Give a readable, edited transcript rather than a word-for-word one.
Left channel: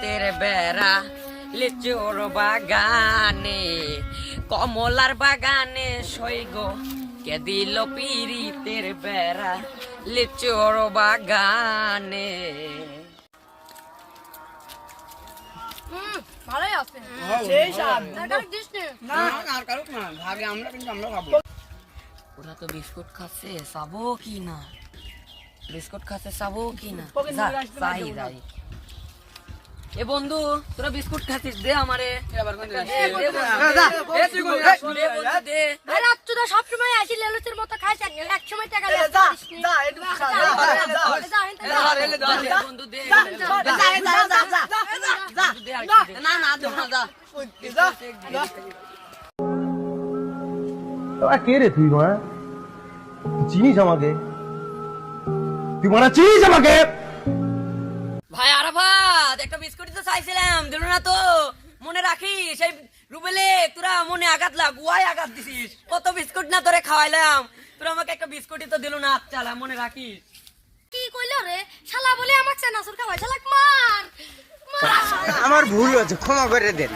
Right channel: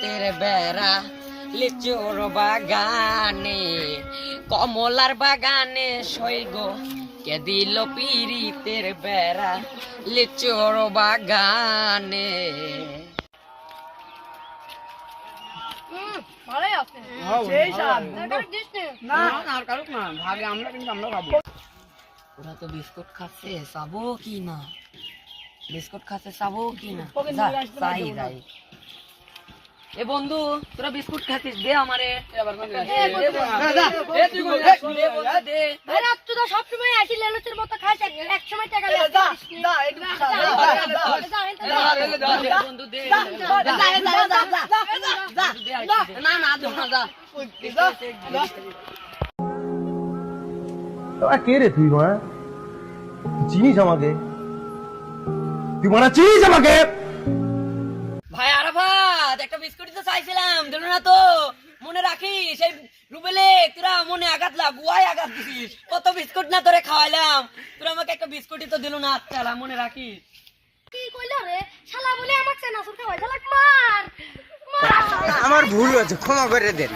পিরিতের বেড়া লিচুর বাগানে কমলার বাগানে সইগ কে দিল পিরিতের বেড়া লিচুর বাগানে। ভালোই আছে। ওরা তো বিস্কুট খাচ্ছে, চাবো কি না? বিস্কুট খাচ্ছে, চাবো কি না? চাই যাই। এ বন্ধু, তোরা বিস্কুট খাচ্ছিস, দে আমারে। সবসময় আসি লেলুচের মতো খাইস, এক সময় টাকা বন্ধু দে। কে রে তুই মা? চিনিস আমাকে? তুই মারা চিনিস আমাকে? ভাই আরাফাত, একটা বিস্কুটই তো চাইছিলাম, দিল না তো। মনে রাখিস সেই রুবেলে তোরা মনে আঘাত গুয়ায় আঘাত দিছিস। কত বিস্কুট না তোরে খাওয়াইলাম, তোরা আমাকে একটা বিস্কুটই তো দিল না। চালা মনে রাখিস। কি কইল রে শালা বলে আমাকে চানাচুর খাওয়াই শালা মার। আমার ভুল হয়েছে, ক্ষমা করে দেন।